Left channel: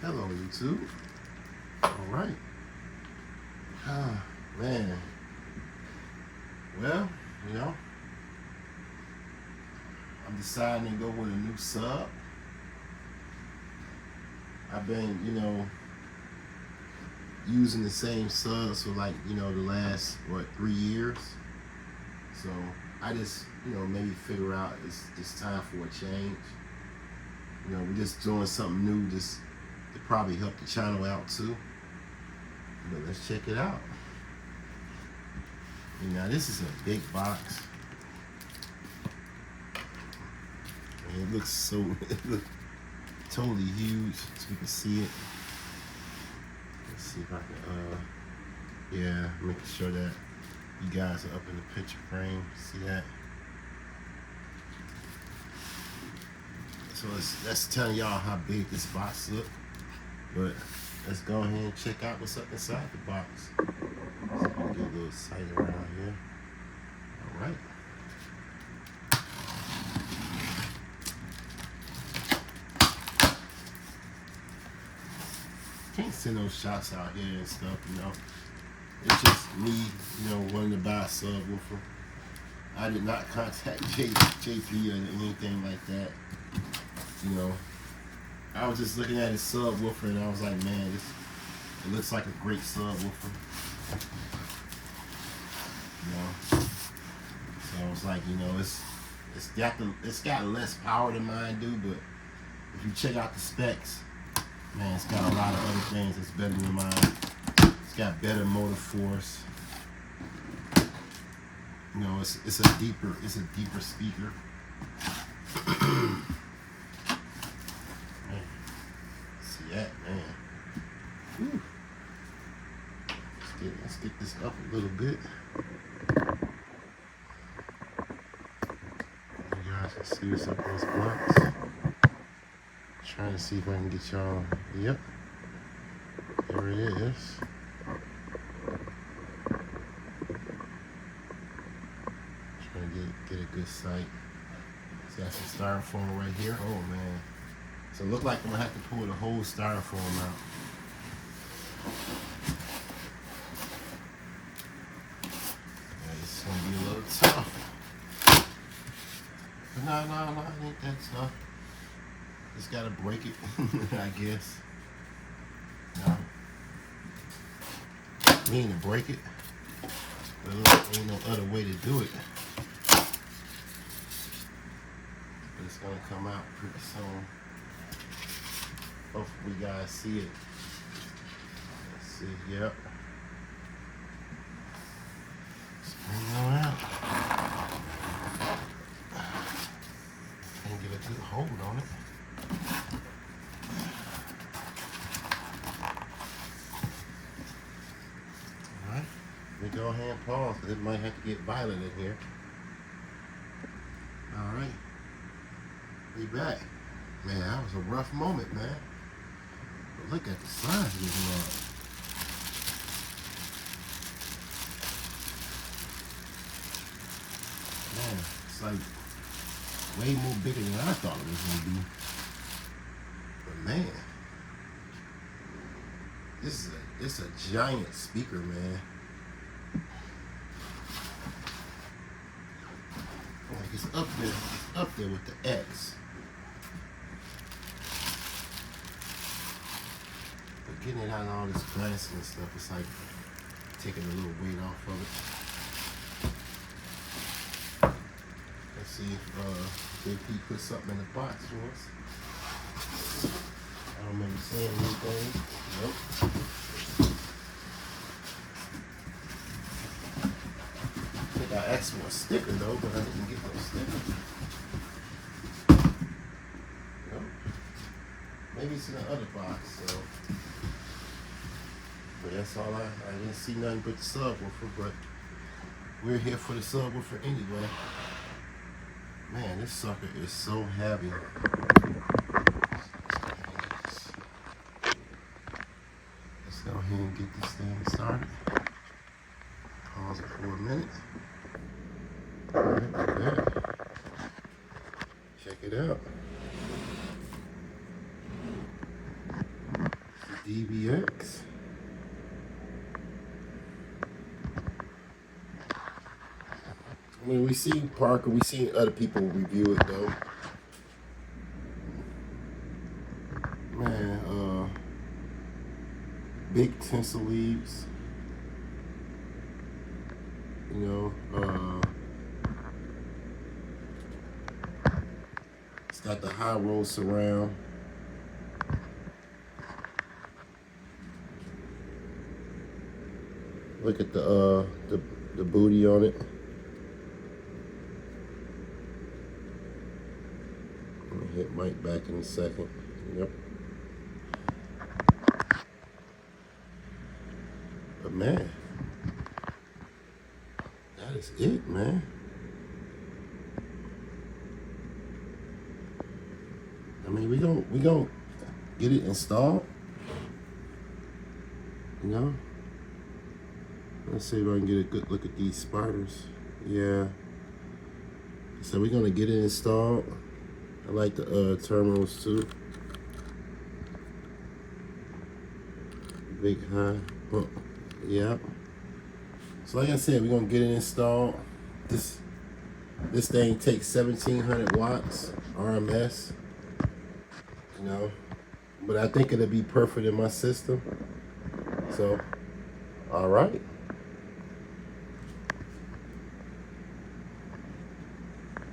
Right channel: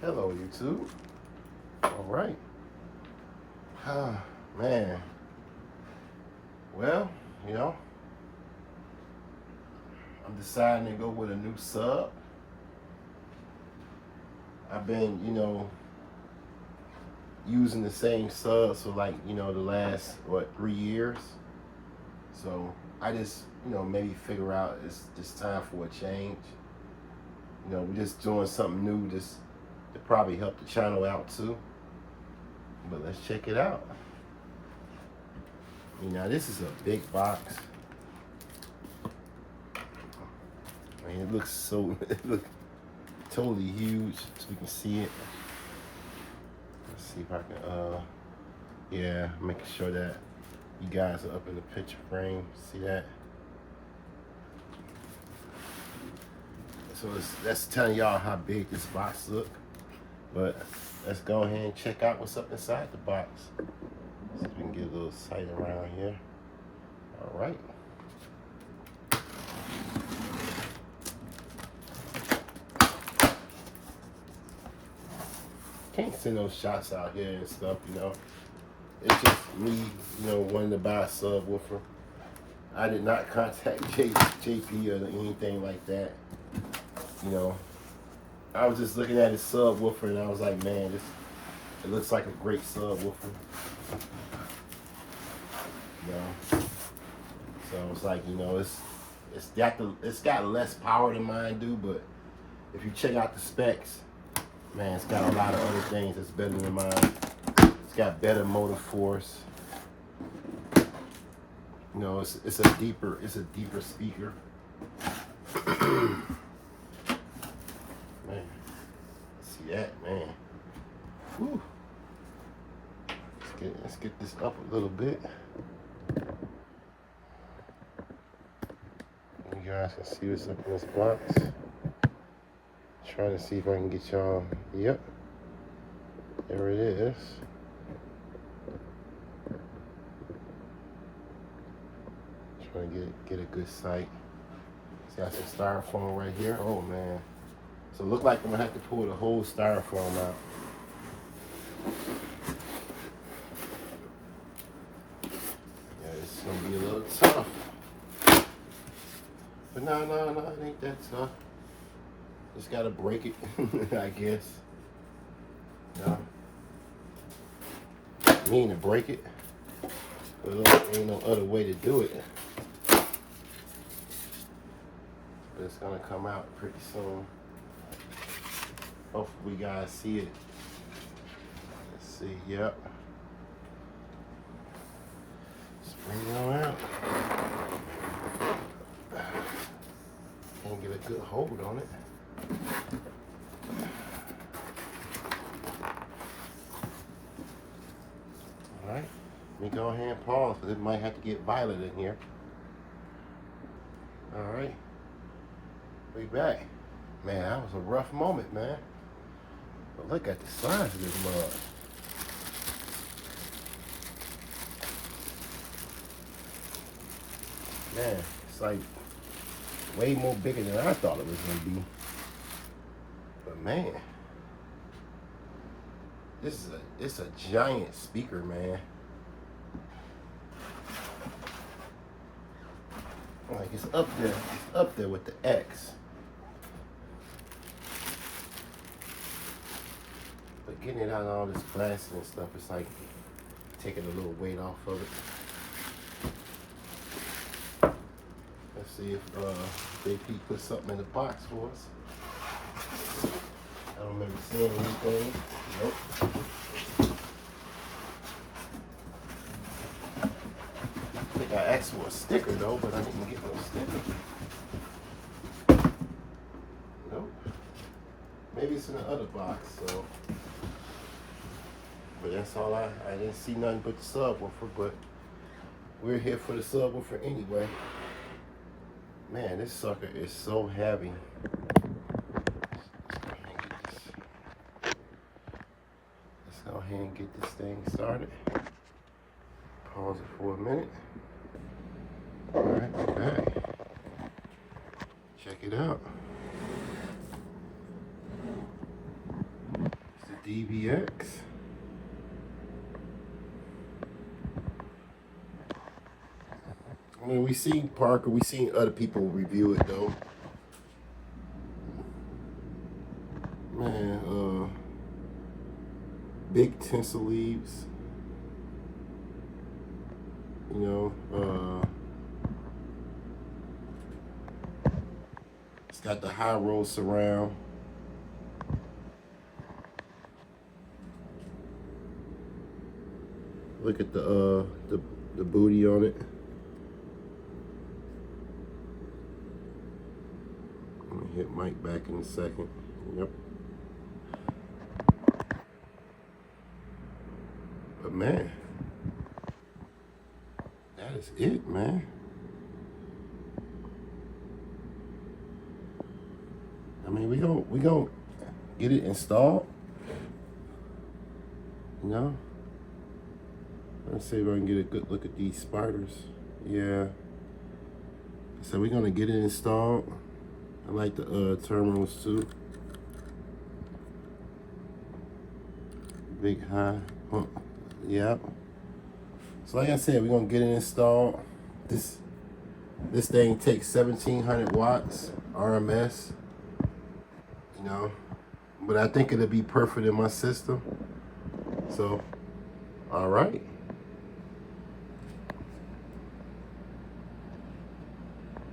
Hello, YouTube. All right. Oh, man. Well, I'm deciding to go with a new sub. I've been, using the same subs for the last, 3 years. So I just, maybe figure out it's time for a change. We're just doing something new just to probably help the channel out too. But let's check it out. This is a big box. I mean, it looks totally huge, so you can see it. Let's see if I can, making sure that you guys are up in the picture frame. See that? So that's telling y'all how big this box looks. But let's go ahead and check out what's up inside the box. So I'm gonna get a little sight around here. All right. Can't send those shots out here and stuff, It's just me, wanting to buy a subwoofer. I did not contact JP or anything like that. I was just looking at his subwoofer and I was like, man, it looks like a great subwoofer. So I was like, it's got less power than mine do, but if you check out the specs, man, it's got a lot of other things that's better than mine. It's got better motor force. It's a deeper speaker. Man, see that, man. Whew. Let's get this up a little bit. You guys can see what's up in this box. Trying to see if I can get y'all. Yep, there it is. Trying to get a good sight. It's got some styrofoam right here. Oh man. So it looks like I'm gonna have to pull the whole styrofoam out. Yeah, it's gonna be a little tough. But no, it ain't that tough. Just gotta break it, I guess. No. Mean to break it. But there ain't no other way to do it. But it's gonna come out pretty soon. Hopefully you guys see it. Let's see, yep. Spring it on out. Can't get a good hold on it. Alright, let me go ahead and pause because it might have to get violent in here. Alright, we back. Man, that was a rough moment, man. But look at the size of this mug. Man, it's like way more bigger than I thought it was gonna be. But man, it's a giant speaker, man. Like it's up there with the X. But getting it out of all this plastic and stuff, it's like taking a little weight off of it. Let's see if JP put something in the box for us. I don't remember seeing anything. Nope. I think I asked for a sticker though, but I didn't get no sticker. Nope. Maybe it's in the other box, so. But that's all I didn't see nothing but the subwoofer, but we're here for the subwoofer anyway. Man, this sucker is so heavy. Let's go ahead and get this thing started. Pause it for a minute. All right, we're back. Check it out. DVX. I mean, we seen Parker, we seen other people review it though. Man, big tinsel leaves. You know, it's got the high roll surround. Look at the booty on it. I'm gonna hit Mike back in a second. Yep. But man, that is it, man. I mean, we gon' get it installed. You know. Let's see if I can get a good look at these spiders. Yeah. So we're gonna get it installed. I like the terminals too. Big high. Yep. So like I said, we're gonna get it installed. This thing takes 1700 watts RMS. You know, but I think it'll be perfect in my system. So, all right.